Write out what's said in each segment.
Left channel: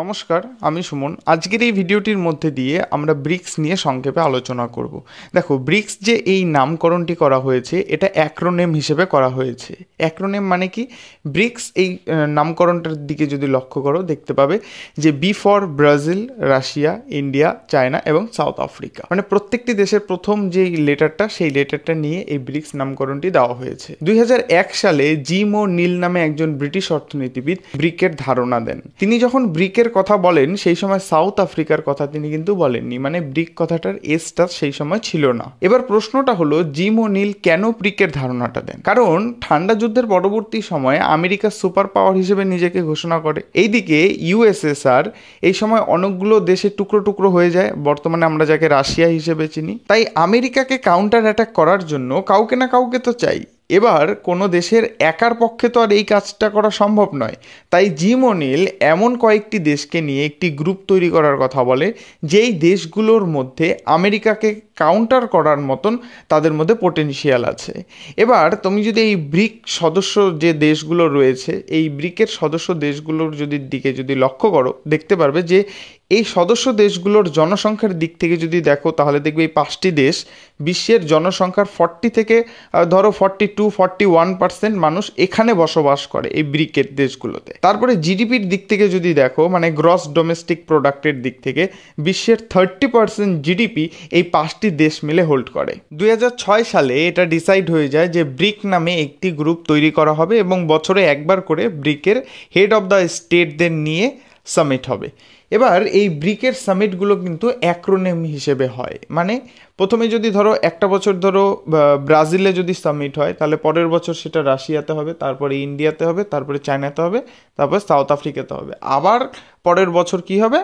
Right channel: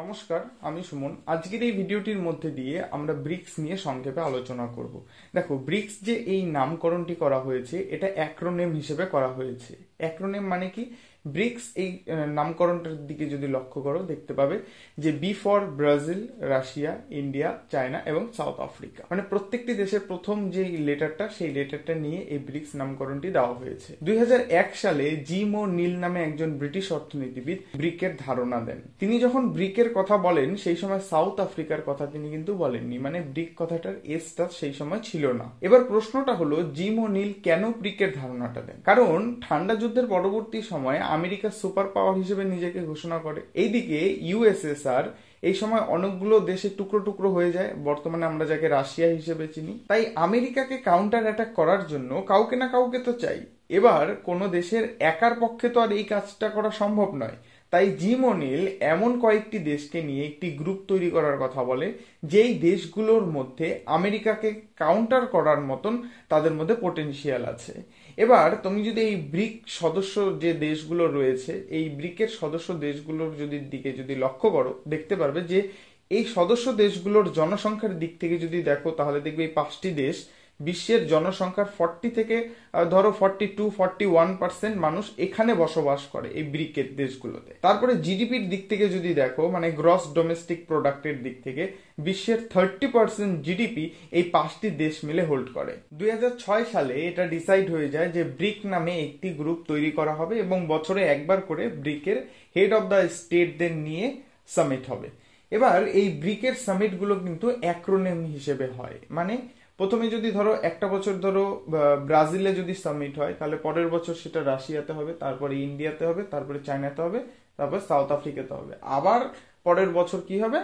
নমস্কার, আমি সুমন। আজকের এই ভিডিওটির মধ্যে দিয়ে আমরা ব্রিক্স নিয়ে সংক্ষেপে আলোচনা করব। দেখো, ব্রিক্স যে এই নামকরণটি করা হয়েছে এটা অ্যাক্রোনেম হিসেবে করা হয়েছে। অ্যাক্রোনেম মানে কি? ব্রিক্স এই নামকরণটার দিকে যদি লক্ষ্য করো দেখতে পাবে যে B for Brazil, Russia, India, China এবং সাউথ আফ্রিকা, মানে প্রত্যেকটি দেশের প্রথম যে লেটারটা সেই লেটারটা নিয়ে এই ব্রিক্স নামকরণটি দেওয়া হয়েছে। 2001 সালে জিম ও নীল নামে একজন ব্রিটিশ অর্থনীতিবিদ ব্রিকের ধারণা দেন। তিনি যখন ব্রিকের কথা বলেন সেই সময় সাউথ আফ্রিকার কথা তিনি কিন্তু বলেননি, মানে ব্রিক কথাটার এসটা সেই সময় ছিল না। এবার প্রশ্নটা হলো, জিম ও নীল কেন ব্রিকের ধারণাটা দেন? কারণ ঠান্ডা যুদ্ধের পরবর্তী সময়ে আমেরিকা সুপার পাওয়ার হিসেবে নিজেকে ঘোষণা করে। এইদিকে ইউএসএসআর এই সময় অনেকগুলো দেশে টুকরো টুকরো হয়ে যায়, বর্তমানে আমরা যাকে রাশিয়া হিসেবে চিনি। তাই আমেরিকাকে কাউন্টার অ্যাটাক করার জন্য কাউকে না কাউকে তো চাই। এবার কোনো দেশের একার পক্ষে তো আর এই কাজটা করা সম্ভব নয়। তাই জিম ওনিল এমন কয়েকটি দেশকে নিয়ে একটি গ্রুপ তৈরি করার কথা বলে, যেই দেশগুলোর মধ্যে আমেরিকাকে কাউন্টার করার মতন তাদের মধ্যে পোটেনশিয়াল আছে। এবার তুমি যদি এই ব্রিক সদস্য যে দেশগুলো রয়েছে, এই ব্রিকের সদস্য দেশগুলোর দিকে যদি লক্ষ্য করো দেখতে পারবে যে এই সদস্য দেশগুলোর জনসংখ্যার দিক থেকে যদি দেখো তাহলে দেখবে এই 5টি দেশ বিশ্বের জনসংখ্যার 40 থেকে ধরো 42-41% মানুষ এখানে বসবাস করে এই ব্রিকের দেশগুলোতে। তারপরে জিডিপির দিক থেকে যদি দেখো, মানে গ্রস ডোমেস্টিক প্রোডাক্টের দিক থেকে বিশ্বের 30% জিডিপি এই 5টি দেশ মিলে হোল্ড করে। 2006 সালে এটা ডিসাইড হয়ে যায় যে ব্রিক নামে একটি গ্রুপ তৈরি করা হবে এবং বছরে একবার করে ব্রিকের হেড অফ দ্য স্টেটদের নিয়ে সামিট হবে। এবার এই ব্রিকের সামিটগুলো কিন্তু অ্যাক্রোনেম হিসেবে হয়, মানে প্রথমে যদি ধরো একটা বছর ধরো ব্রাজিলে যদি সামিট হয় তাহলে পরের বছর সেটা রাশিয়াতে হবে, তারপরে ইন্ডিয়াতে হবে, তারপরে চায়নাতে হবে, তারপরে সাউথ আফ্রিকাতে হবে, আবার পরের বছর কি হবে,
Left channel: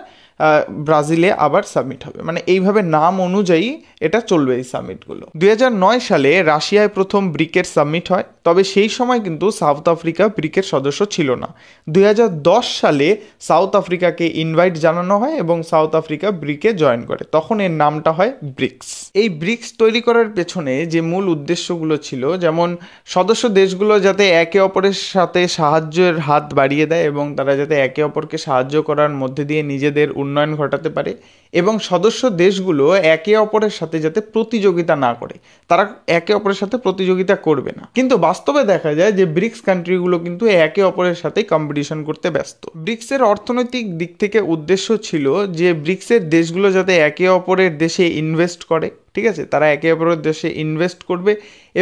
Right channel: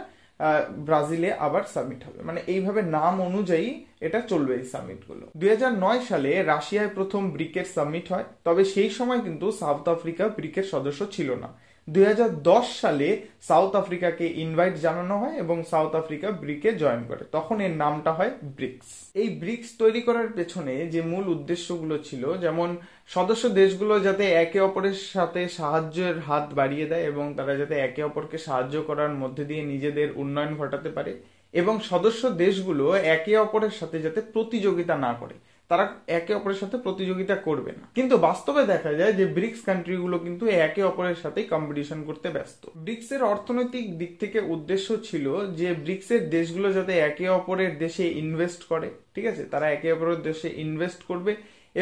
ব্রাজিলে আবার সামিট হবে। মানে এইভাবে নাম অনুযায়ী এটা চলবে এই সামিটগুলো। 2009 সালে রাশিয়ায় প্রথম ব্রিকের সামিট হয়, তবে সেই সময় কিন্তু সাউথ আফ্রিকা ব্রিকের সদস্য ছিল না। 2010 সালে সাউথ আফ্রিকাকে ইনভাইট জানানো হয় এবং সাউথ আফ্রিকা ব্রিকে জয়েন করে, তখন এর নামটা হয় ব্রিক্স। এই ব্রিক্স তৈরি করার পেছনে যে মূল উদ্দেশ্যগুলো ছিল, যেমন সদস্য দেশগুলো যাতে একে অপরের সাথে সাহায্যের হাত বাড়িয়ে দেয় এবং তারা যাতে একে অপরকে সাহায্য করার মধ্যে দিয়ে নিজেদের উন্নয়ন ঘটাতে পারে, এবং সদস্য দেশগুলো একে অপরের সাথে যাতে প্রতিযোগিতা না করে, তারা একে অপরের সাথে প্রতিযোগিতা করবে না। কিন্তু বাস্তবে দেখা যায় যে ব্রিক্স কান্ট্রিগুলো কিন্তু একে অপরের সাথে কম্পিটিশন করতে ব্যস্ত। ব্রিক্সের অর্থনৈতিক দিক থেকে উদ্দেশ্য ছিল যে ব্রিক্সের দেশগুলো যাতে একে অপরের দেশে ইনভেস্ট করে, ঠিক আছে, তারা একে অপরের দেশে ইনভেস্ট করবে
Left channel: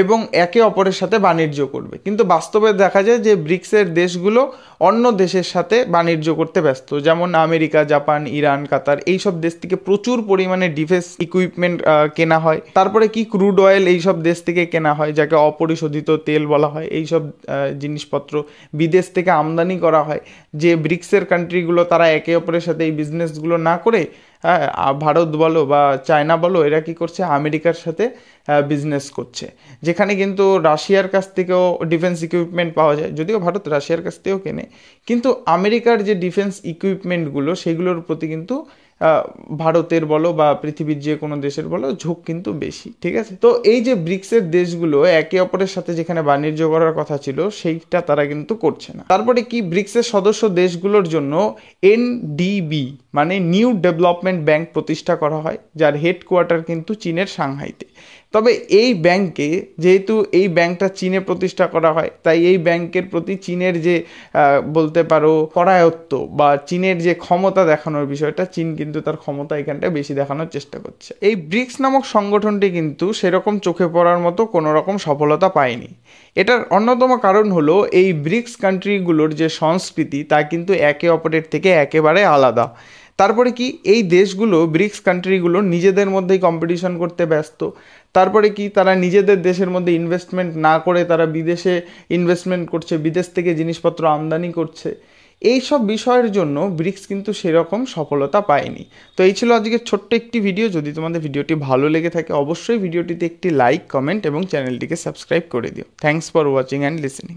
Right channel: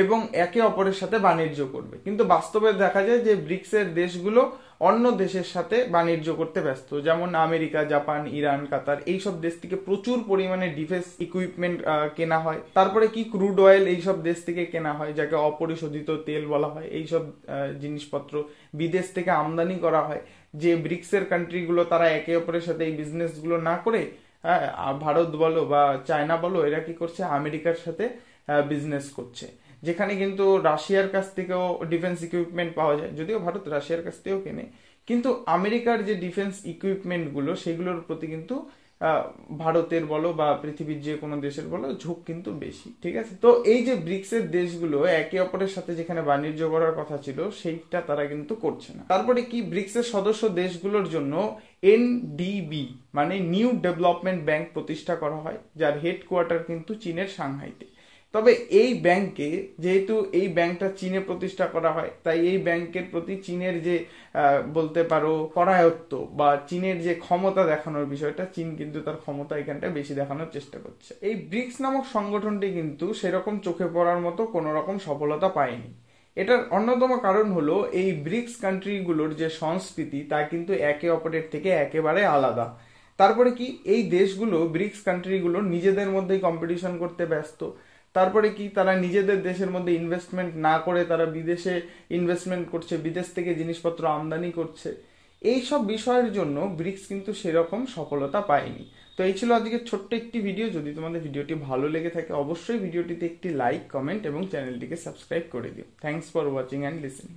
এবং একে অপরের সাথে বাণিজ্য করবে। কিন্তু বাস্তবে দেখা যায় যে ব্রিক্সের দেশগুলো অন্য দেশের সাথে বাণিজ্য করতে ব্যস্ত, যেমন আমেরিকা, জাপান, ইরান, কাতার, এইসব দেশ থেকে প্রচুর পরিমাণে ডিফেন্স ইকুইপমেন্ট কেনা হয়। তারপরে কি ক্রুড অয়েল এইসব দেশ থেকে কেনা হয়, যাকে অপরিশোধিত তেল বলা হয়। এইসব জিনিসপত্র বিদেশ থেকে আমদানি করা হয়, যে ব্রিক্সের কান্ট্রিগুলো তারা একে অপরের সাথে এই বিজনেসগুলো না করে, হ্যাঁ, ভারত বলো বা চায়না বলো, এরা কি করছে, আমেরিকার সাথে বিজনেস করছে, যেখানে কিন্তু রাশিয়ার কাছ থেকেও ডিফেন্স ইকুইপমেন্ট পাওয়া যায়। যদিও ভারত রাশিয়ার কাছ থেকেও কেনে, কিন্তু আমেরিকার যে ডিফেন্স ইকুইপমেন্টগুলো সেগুলোর প্রতি কিন্তু ভারতের বলো বা পৃথিবীর যে কোনো দেশের বলো ঝোঁক কিন্তু বেশি, ঠিক আছে। তো এই যে ব্রিক্সের দেশগুলো একে অপরের সাথে যেখানে বাণিজ্য করার কথা ছিল সেইটা তারা কিন্তু করছে না। তারপরে কি, ব্রিক্সের সদস্য দেশগুলোর জন্য এনডিবি মানে নিউ ডেভেলপমেন্ট ব্যাংক প্রতিষ্ঠা করা হয়, যার হেডকোয়ার্টার কিন্তু চীনের সাংহাইতে। তবে এই ব্যাংকে, যেহেতু এই ব্যাংকটা চীনে প্রতিষ্ঠা করা হয়, তাই এই ব্যাংকের প্রতি চীনের যে বলতে পারো করায়ত্ত বা চীনের যে ক্ষমতা দেখানোর বিষয়টা, চীন কিন্তু তার ক্ষমতা এখানটা বেশি দেখানোর চেষ্টা করছে। এই ব্রিক্স নামক সংগঠনটি কিন্তু সেরকম চোখে পড়ার মতো কোনো রকম সফলতা পায়নি। এটার অন্যতম কারণ হলো এই ব্রিক্স কান্ট্রিগুলোর যে সংস্কৃতি তা কিন্তু একে অপরের থেকে একেবারে আলাদা। তারপরে কি, এই দেশগুলো ব্রিক্স কান্ট্রিগুলো নিজেদের মধ্যেই কম্পিটিশন করতে ব্যস্ত। তারপরে কি, তারা নিজেদের দেশের মধ্যে ইনভেস্টমেন্ট না করে তারা বিদেশে ইনভেস্টমেন্ট করছে, বিদেশ থেকে জিনিসপত্র আমদানি করছে। এই সব বিষয়ের জন্য ব্রিক্স কিন্তু সেরকম সফলতা পায়নি। তো এই ছিল আজকের ছোট্ট একটি ভিডিও। যদি তোমাদের ভিডিওটি ভালো লেগে থাকে অবশ্যই ভিডিওটিতে একটি লাইক, কমেন্ট এবং চ্যানেলটিকে সাবস্ক্রাইব করে দিও। Thanks for watching and listening.